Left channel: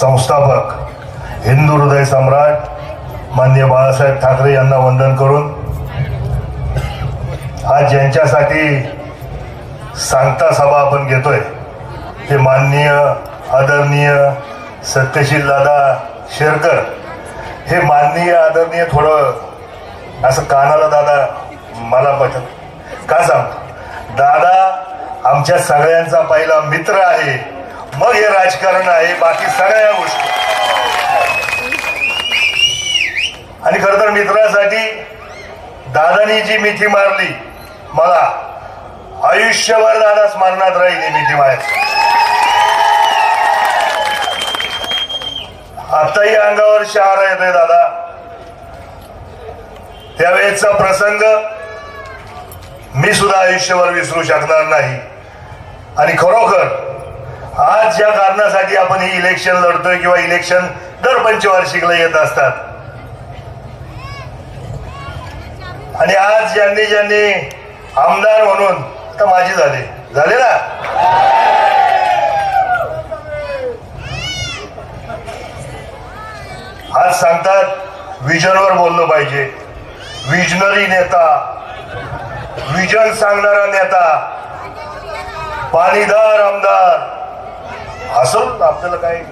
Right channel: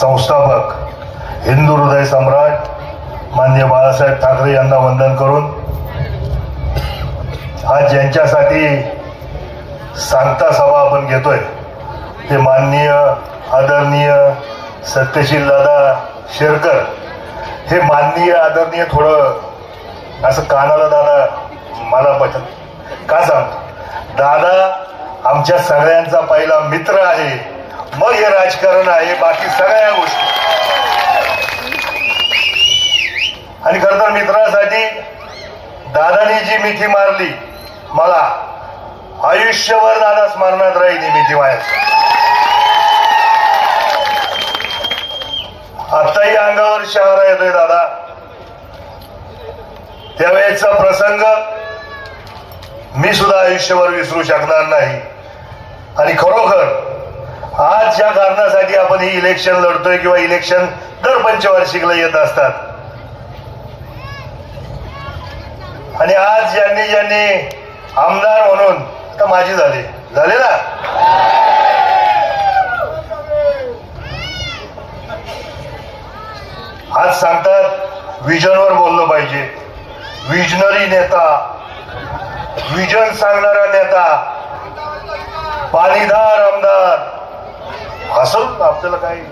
संस्थापक हिंदू हृदय सम्राट मान्य बाळासाहेब ठाकरे यांना वंदन करून आज ज्यांच्यासाठी सांगता सभा आपण घेतोय ते माननीय आदरणीय सत्यशील दादा शेरकर. हे माननीय आदरणीय थोडं असं कानाला दादा मला पटत का सांगतो? दादा आमच्या सगळ्यांचा पहिला मित्र आहे. मग हे राजकारण आहे बाकी सगळ्या गोष्टी. आणि खर तर मित्रासाठी दादानी जी मिठी मारली मला आयुष्यभर दादा स्मरणात राहील ही मिठी मारत आताही अंगावर शहारा येतोय दादा. त्यावेळेचा प्रसंग मी सुद्धा आयुष्यभर विसरू शकणार नाही. आणि खरोखर आज ज्या कारणासाठी आपण ही इलेक्शन लढतोय किंवा इलेक्शन दर पंचवार्षिकला येत असतात. आणि आज ज्यांनी ज्यांनी आमदार म्हणून तर माझी झाले. झाले ना? आज सांगतात विजनवर बोललं पाहिजे. विजनरी नेता. विजन सांगणारा नेता. पाणीदार आमदार. असं आपल्याला काही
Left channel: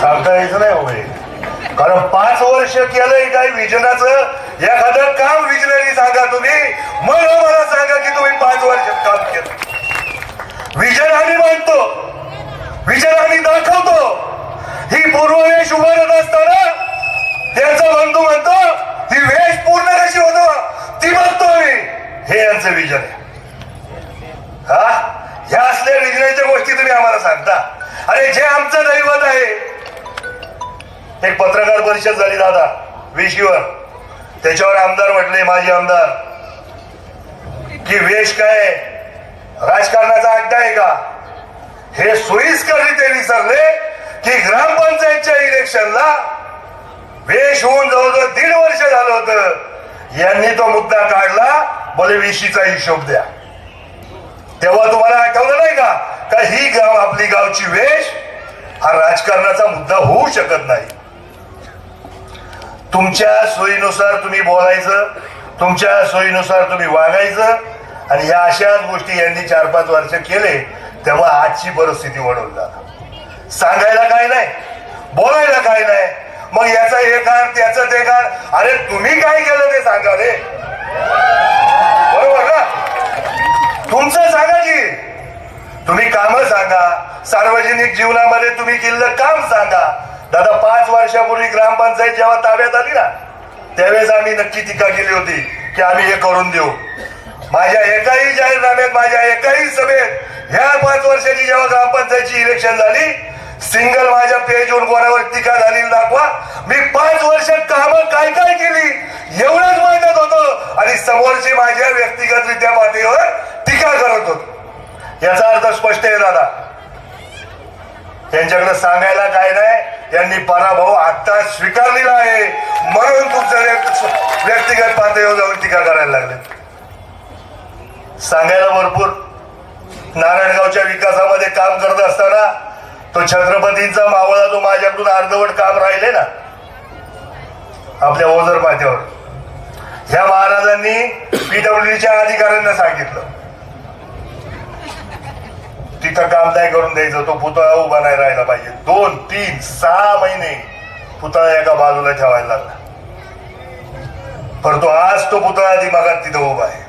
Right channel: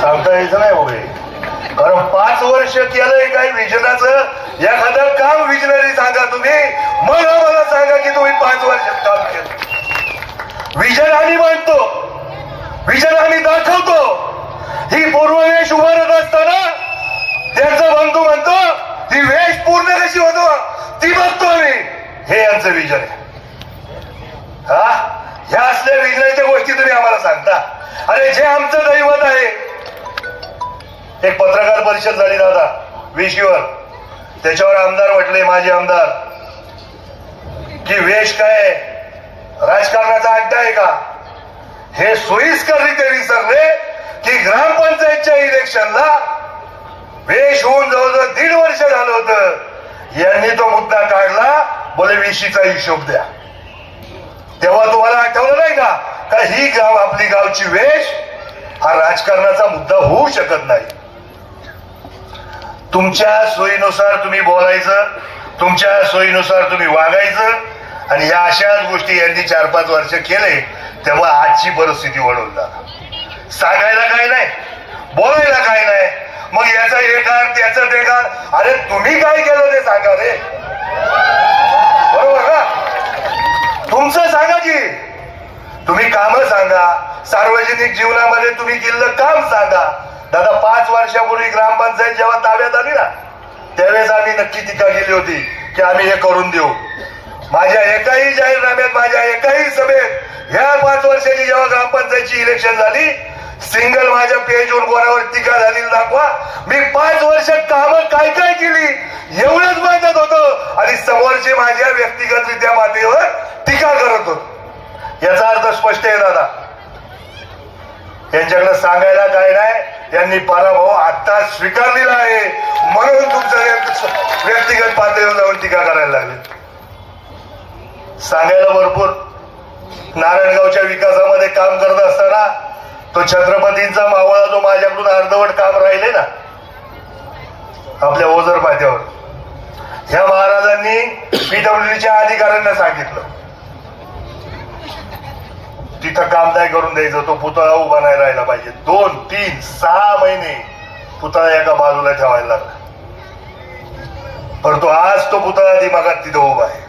सांगता यायचं नाही वगैरे कारण पाच वर्ष केलंय काय विजनाचं. एखादं काम विजनरी सांगा तुम्ही. मग आम्हाला सांगा की तुम्ही पाच वर्षात काम केलं. विजन आम्ही मांडतो विजन आम्ही दाखवतो. ही पूर्ववेश उभारत असताना त्यांचा बंधू म्हणतो ती वेश पूर्ण कशी होतो? ती बघतो मी हे यांचं विजन आहे. हा? ह्या असल्या विजनाच्या गोष्टी तुम्ही आम्हाला सांगता. अरे जे आमचं दैवत आहे. एक पत्रकार परिषद झाली दादा विशीवर. त्याच्यावर आमदार म्हटले माझे आमदार. की वेश काय आहे? राजकारणाचा अड्डा आहे का? हे सोयीस्कररित्या विसरले की ग्रामपंचायतच्या इलेक्शनला वेश होऊन जवळजवळ दीड वर्ष झालं होतं. यांनी तो मुद्दा काढला बोले विशीचा हिशोब द्या. तेव्हा तुम्हाला आठवलं नाही का? का ही गाव आपली गावची वेश? हा राजकारणाचा मुद्दा होऊ शकत नाही. तुमच्या सोयीनुसार तुम्ही बोलायचं तुमच्या सोयीनुसार तुम्ही वागायचं आणि या अशाच गोष्टी यांनी चार पाच वर्ष केले तेव्हा आजची परिस्थिती वळून जाणार. सांगायला काय नाही बोलायला काय नाही. मग याचा हे कार त्याचं ते अरे तुम्ही काय केलं ते सांगा रे? तुमचं सांगा की. तुम्ही काम सांगा. सार्वजनिक जीवनामध्ये तुम्ही केलेलं काम सांगा. दादा पाच वर्षापूर्वी ग्रामपंचायत जेव्हा ताब्यात आली ना त्यावेळेस आम्ही नक्की टीका केली होती की आम्ही हे करून देऊ. माझ्या एकाही जाहीरनाम्यात माझ्या एकाही सभेत ह्या पाच वर्षाची जेव्हा ग्रामपंचायतची इलेक्शन झाली सिंगल माझ्या पेजवर कोणावर टीका झाली दाखवा. मी पाच वर्ष काम काय काय केली एवढंच माहितच होतं. आणि समोरचे माझ्या व्यक्तिगतरित्या पातळीवर टीका करत होत याचा अर्थ स्पष्ट आहे दादा. त्यांच्याकडे सांगायला काय नाही त्यांनी पराभव आता स्वीकारलेला आहे. म्हणून तुमचं व्यक्तिगत पातळीवर जाऊन टीका करायला लागले. सांगायला भरपूर. नारायणगावच्या विकासामध्ये काम करत असताना तो छत्रपतींचा मावळा जो माझ्याकडून अर्धवट काम राहिले ना आपल्या ओझर पात्यावर. ह्या महाराजांनी पीडब्ल्यूडीच्या अधिकाऱ्यांना सांगितलं. तिथं काम नाही करून द्यायचं तो पुतळा उभा नाही राहिला पाहिजे. दोन तीन सहा महिने पुतळा एका बाजूला ठेवायला लागला. परंतु तो आज तो पुतळा दिमागात तिथं उभा आहे.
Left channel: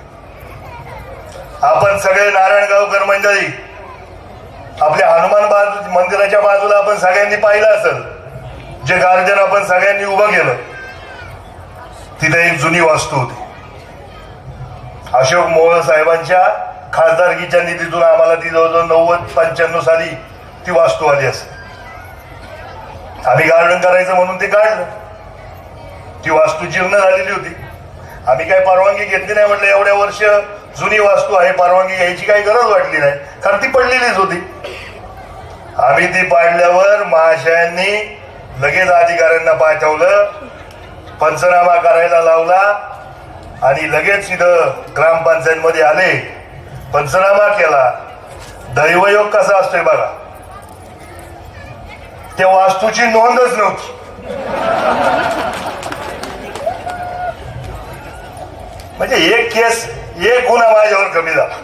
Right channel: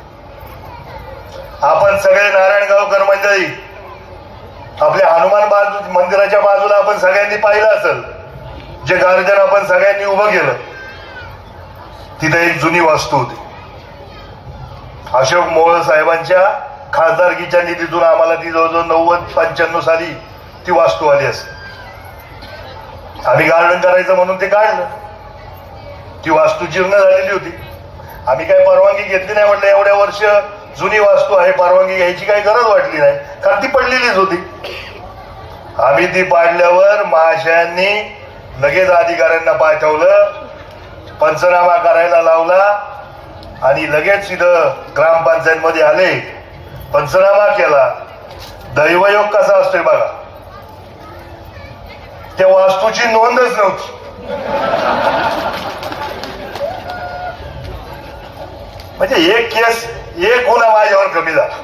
आपण सगळे नारायणगावकर मंडळी आपल्या हनुमान बाजू मंदिराच्या बाजूला आपण सगळ्यांनी पाहिलं असेल जे गार्जन आपण सगळ्यांनी उभं केलं तिथे एक जुनी वास्तू होती. अशोक मोहळ साहेबांच्या खासदारकीच्या निधीतून आम्हाला ती जवळजवळ नव्वद पंच्याण्णव साली ती वास्तू आली असेल. आम्ही गार्डन करायचं म्हणून ते काढलं. ती वास्तू जीर्ण झालेली होती. आम्ही काय परवानगी घेतली नाही म्हटलं एवढ्या वर्ष जुनी वास्तू आहे परवानगी घ्यायची काही गरज वाटली नाही कारण ती पडलेलीच होती. आम्ही ती पाडल्यावर महाशयांनी लगेच अधिकाऱ्यांना पाठवलं पंचनामा करायला लावला आणि लगेच इथं ग्रामपंचायतमध्ये आले. पंचनामा केला. दैवयोग कसा असतोय बघा. त्या वास्तूची नोंदच नव्हती. म्हणजे एक केस एक गुन्हा माझ्यावर कमी झाला.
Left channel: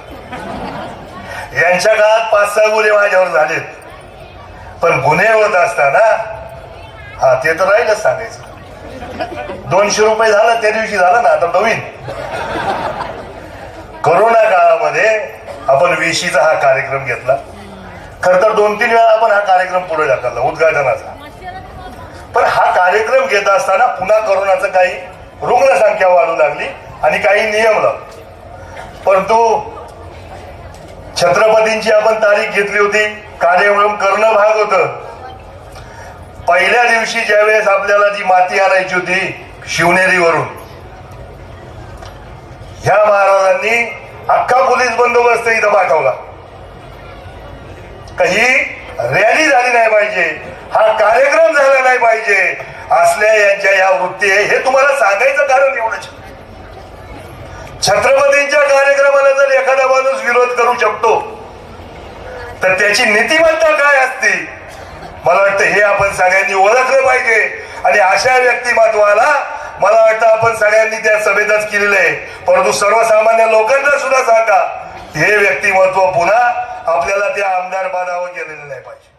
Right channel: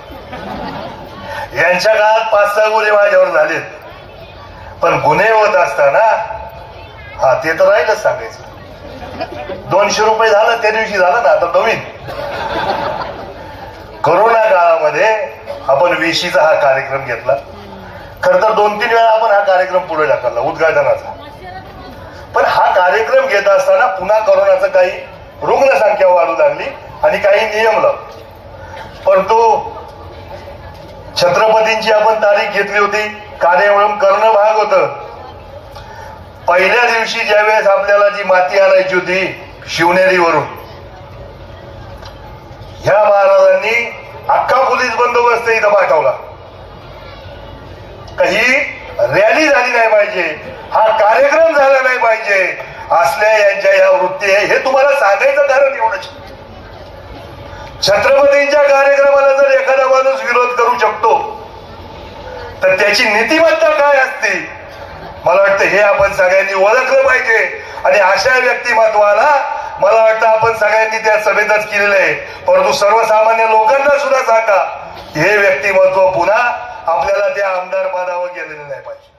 यांच्या काळात पाच सहा गुन्हे माझ्यावर झालेत पण गुन्हे होत असताना हा ते तर राहिलंच सांगायचं. दोनशे रुपये झालं त्या दिवशी झालं ना आता नवीन. कोरोना काळामध्ये आपण विशीचा हा कार्यक्रम घेतला. खर तर दोन तीन वेळा आपण हा कार्यक्रम पुढे ढकलला उद्घाटनाचा. पण हा कार्यक्रम घेत असताना पुन्हा कोरोनाचं काही रुग्णसंख्या वाढू लागली आणि काही नियम लावले. परंतु छत्रपतींची आपण तारीख घेतली होती कार्यक्रम करणं भाग होत. पहिल्या दिवशी ज्यावेळेस आपल्याला जी माती आणायची होती शिवनेरीवरून ह्या महाराजांनी अख्खा पोलीस बंदोबस्त इथं पाठवला. काही रॅली झाली नाही पाहिजे हा कार्यक्रम झाला नाही पाहिजे असल्या यांच्या या वृत्ती आहे हे तुम्हाला सांगायचं कारण एवढंच. छत्रपतींच्या कार्यक्रमाला जर एखादा माणूस विरोध करू शकतो तर त्याची नीतिमत्ता काय असते? मला वाटतं हे आपण सगळ्यांनी ओळखलं पाहिजे. आणि अशा व्यक्तिमत्वाला मला वाटतं आपण सगळ्यांनी त्या सभेतच केलेलं आहे. परंतु सर्वसामान्य लोकांना सुद्धा सांगा हे व्यक्तिमत्व पुन्हा आपल्याला त्या आमदार पदावर गेलेलं नाही पाहिजे.